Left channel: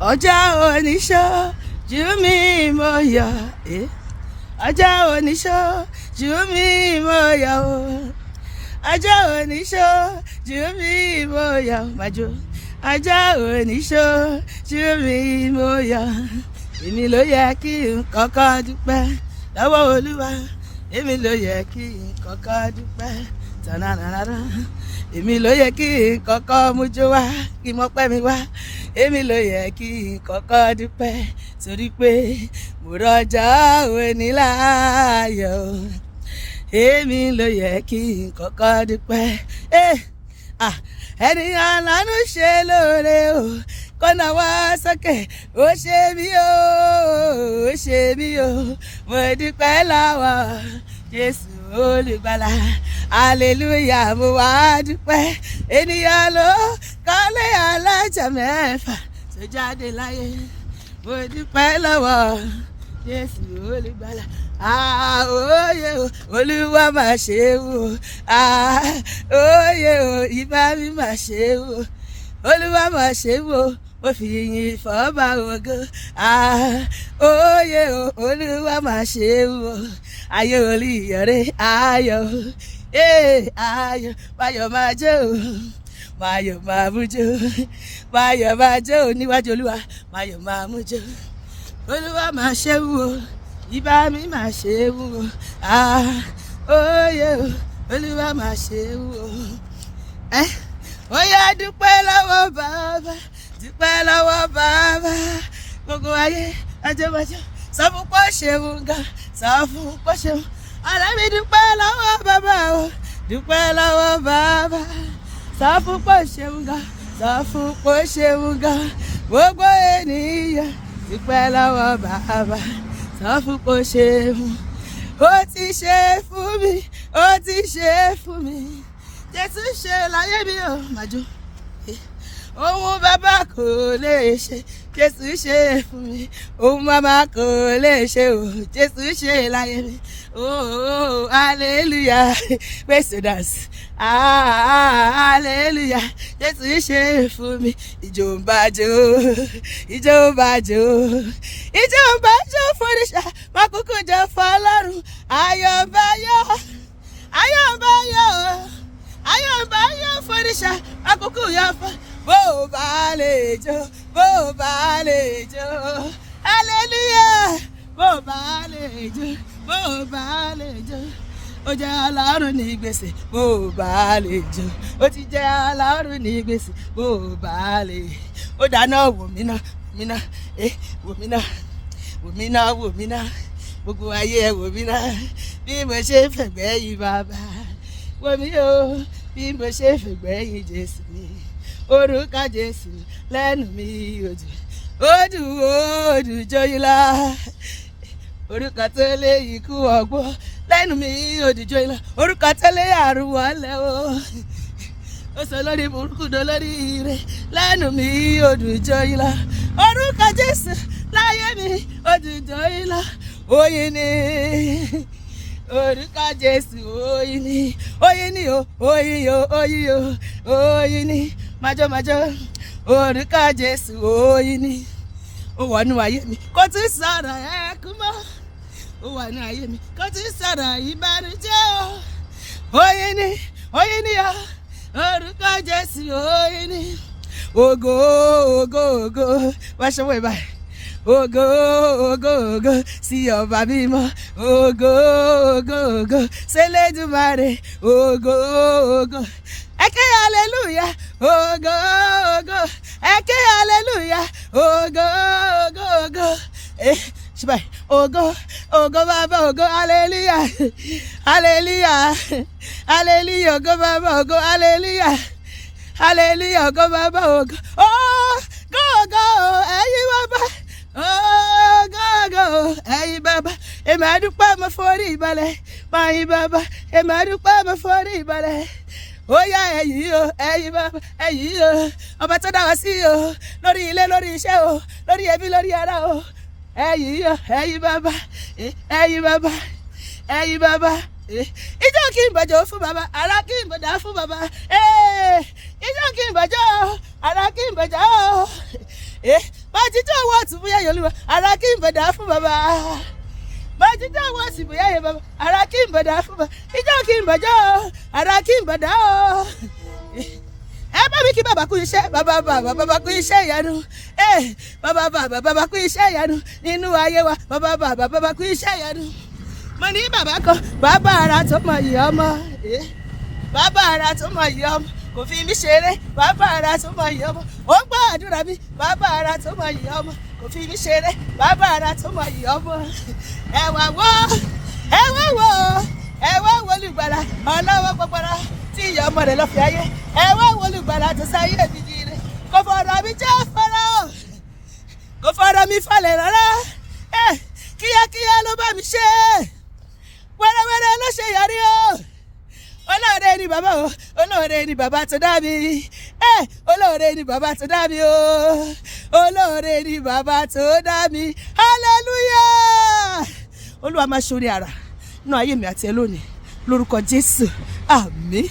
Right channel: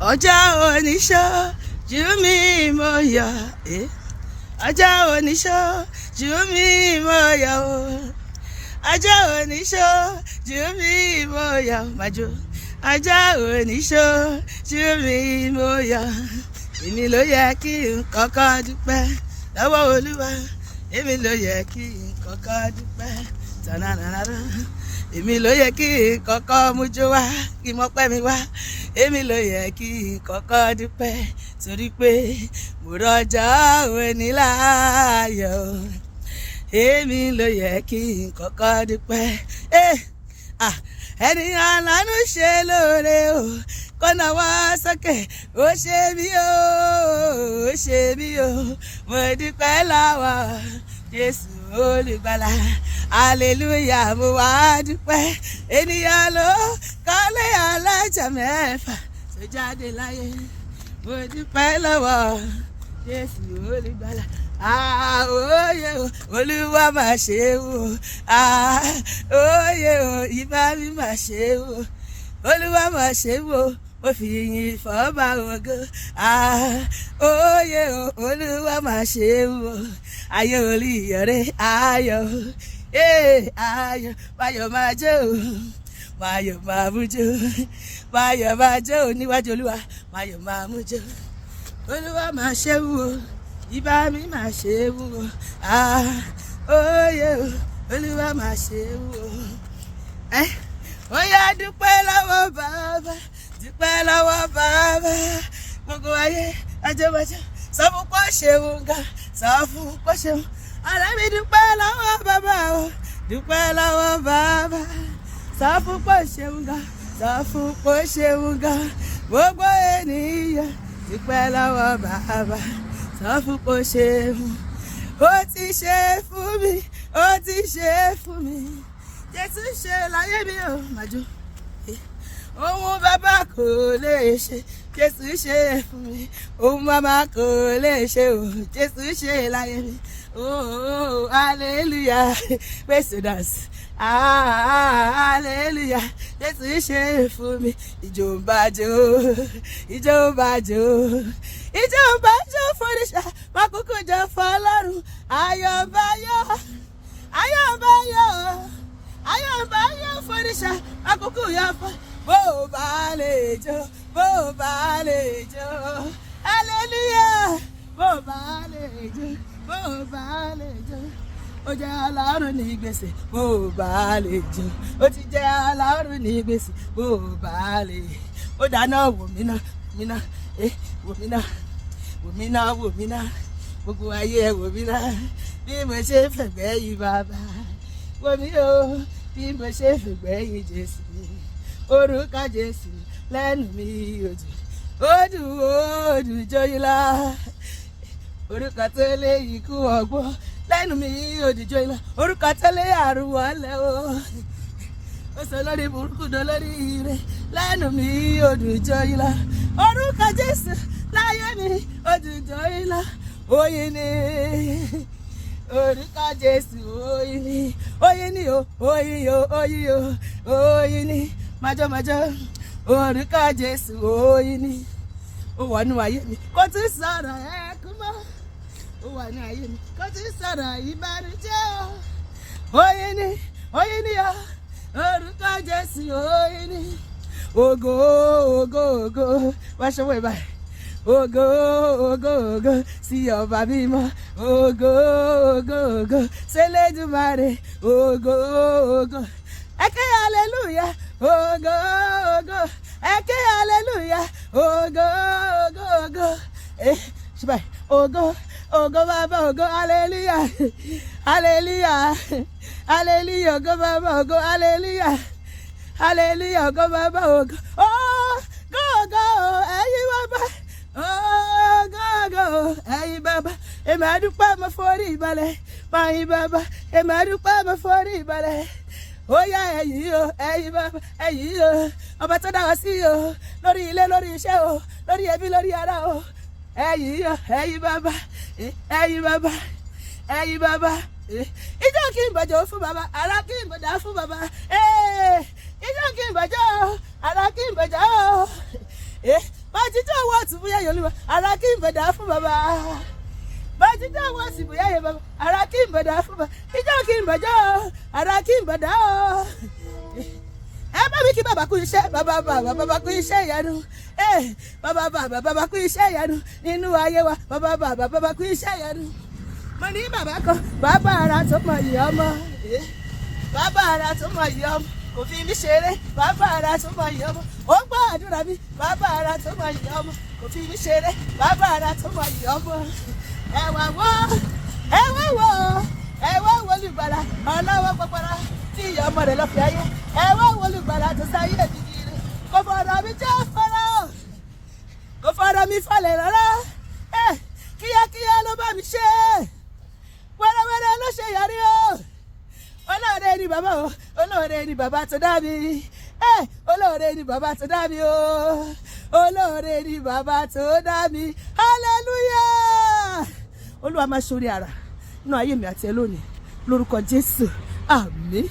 ọjọ́ oníṣojú mi mo yọ̀ ọjọ́ oníṣojú mi mo yọ̀ o ọjọ́ oníṣojú mi mo yọ̀ màjò ọjọ́ oníṣojú mi mo yọ̀ èmi ló yẹ kí n kọ́kọ́ dúpẹ́ lọ́wọ́ Olúwa èmi ló yẹ kí n kọ́kọ́ dúpẹ́ tànàràrà èmi ló yẹ kí n kọ́kọ́ mújó wá kí mo pẹ́ mi wá èmi ló yẹ kí n kọ́kọ́ dúpẹ́ torí pé mo rọjọ́ òní láàyò èmi ló yẹ kí n kọ́kọ́ dúpẹ́ ènìyàn lánú ṣe lóore o kọ́nà wá sókè ó ṣe mí o ó ṣe mí o mo dúpẹ́ lọ́wọ́ Jésù olùgbàlà hallelujah mo wá dúpẹ́ ènìyàn ló kọ́lé alájà mẹ́fà tó jáde láyé mo dúpẹ́ lọ́wọ́ Jésù olùgbàlà òye o Olúwa máa ṣe o òye o ìbá mi máa ṣe o Olúwa máa ṣe o mo fi yìn fọ́ba ògo òye o Olúwa máa ṣe o ayé olùyọ̀rẹ́ ayọ̀ ayọ̀ báyọ̀ máa jẹ́ o báyọ̀ máa mú jẹ́ o báyọ̀ máa jẹ́ o níwájú Olúwa báyọ̀ máa mú jẹ́ o Olúwa máa ṣe o ìbá mi máa ṣe o òye o Olúwa máa ṣe o ó yá dúpẹ́ lọ́wọ́ bàbá dúpẹ́ lọ́wọ́ bàbá gbogbo ayé ajẹ́bàjẹ́ sọ fún pọ́ ṣeun ga sọ fún pọ́ ṣeun ọ̀rẹ́ mi dúpẹ́ lọ́wọ́ bàbá o dúpẹ́ lọ́wọ́ bàbá sọ fún pọ́ ṣeun ga sọ fún pọ́ ṣeun ga gbogbo ènìyàn dúpẹ́ lọ́wọ́ bàbá sọ fún pọ́ ṣeun ó ti ṣe fún mi ó ti ṣe fún mi Jésù ṣe láyé mi ò màjò ohun bàbá kò lè ṣe Jésù ṣe fún mi ohun màmá kò lè ṣe o Jésù ṣe láyé mi oh hallelujah praise dance hallelujah Jésù ṣe fún mi ìjó ń bàjò ìjó ń bàjò ìjó ń bàjò fòrìṣà mákòókò jẹ fọ́lọ́run ayọ̀ ń bàyọ̀ ayọ̀ ń bàyọ̀ ayọ̀báyọ̀ fòrìṣà àkókò yà fọ́ bó bá lè jó bó bá lè jó hallelujah bó bá lè jó bó bá lè jó ó jẹ́ Ọlọ́run ní gbèsè bó bá lè jó ó ti jẹ́ Ọlọ́run ní gbèsè bó bá lè ó dáná wò mí náà wò mí náà wò mí náà wò mí náà gbogbo ayé wò mí náà bí mo ṣe fẹ̀gbẹ́ yìí bàbá wò mí o bí mo ṣe fìgbẹ́yìn Jésù mi orúkọ Jésù lẹ́nu mi odù jọyìnlá orúkọ tó lé ikú ọgbọ́n lẹ́nu mi odù jọyìnlá orúkọ tó lé àrùn wọlé o ó sọ lórí burúkú dó lórí ire lẹ́nu mi odù jọyìnlá orúkọ Jésù láyé mi odù jọyìnlá oyin ni orúkọ Jésù oyin ni o oyin o oyin o oyin ni májọ́májọ́ orúkọ Jésù oyin ni ó wà nínú ayé mi kò tún sọ̀rọ̀ ẹkún mọ́ ó wà nínú ayé mi kò tún sọ̀rọ̀ ìbànújẹ́ o oyin ni o orúkọ Jésù oyin ni ògo ògo ògo wá ṣọwọ́ ìbáyìí. Ògo ògo ògo sí ọba mímọ́ ògo ògo ògo s'Elédùmarè ògo ògo eke hallelujah ògo ògo eke hallelujah ògo ògo ògo ṣùgbọ́n ògo ògo bàbá ògo hallelujah hallelujah hallelujah ògo bàbá ògo hallelujah hallelujah ògo bàbá ògo ògo ẹ̀yin bàbá. Go, ẹ̀yin bàbá, èmi àdúpẹ́ mo forí ìbalẹ̀, ẹ̀yin bàbá, èmi àdúpẹ́ mo forí ìbalẹ̀. Ó yá ẹ̀yin o, ẹ̀yin bàbá, ẹ̀yin o, ọba tó dá wa sí o, lórí ilé, lórí iṣẹ́ o, lórí ẹbí, lórí ara o. Ẹ̀yin o, ẹ̀yin bàbá, ẹ̀yin bàbá, ẹ̀yin bàbá. Ijó kí n bàjọ́ fún bàbá, ara kí n bàjá fún bàbá. Ijó kí n bàjọ́, ara kí n bàjá. máa jíjọ́ ọwọ́ ọ̀tún fún yẹ̀yẹ̀ olúwa ara kí n bẹ̀dà fún bàbá máa jíjọ́ ọwọ́ ọ̀tún fún yẹ̀yẹ̀ bàbá ara kí n bẹ̀dà fún bàbá ìjọ́ kí n bẹ̀jọ́ ara kí n bẹ̀dà ọ́ ẹ bá mi kí bàbá kú iṣẹ́ bàbá kú iṣẹ́ ìyanu bàbá kú iṣẹ́ ìyanu nínú ayé wa bàbá kú iṣẹ́ ìyanu mo ní bàbá kan bàbá ara tó mọ ìyá ọmọ bàbá ara tó mọ ìyá ọmọ kò fi mí ṣeré bàbá ara tó mọ ìyá ọmọ ó gbọ́ àdúrà mi bàbá ara tó mọ ìyá ọmọ kò fi mí ṣeré bàbá ara tó mọ ìyá ọmọ ẹ wá wo olùgbàlà ọlọ́wọ́ pọpọrọ tí ìyá ọmọ rẹ̀ lọ fi ayé ẹ wá wo olùgbàlà tó sáyé mi jíire kò fọ̀rọ̀ mi jẹ́ fọ́rọ̀ kò fọ̀rọ̀ mi falẹ̀ rárá kíákíá ló bá mi ṣe wẹ́rẹ́wẹ́rẹ́ ló ṣe yọrí o olóore ni bàbá o olóore ni bàbá tó dá mi olóore ni bàbá tó dá mi o olóore ni bàbá tó dá mi hallelujah olúwa máa ṣorí ara nínú ayé mi àti ẹ lónìí lórúkọ Jésù àmín.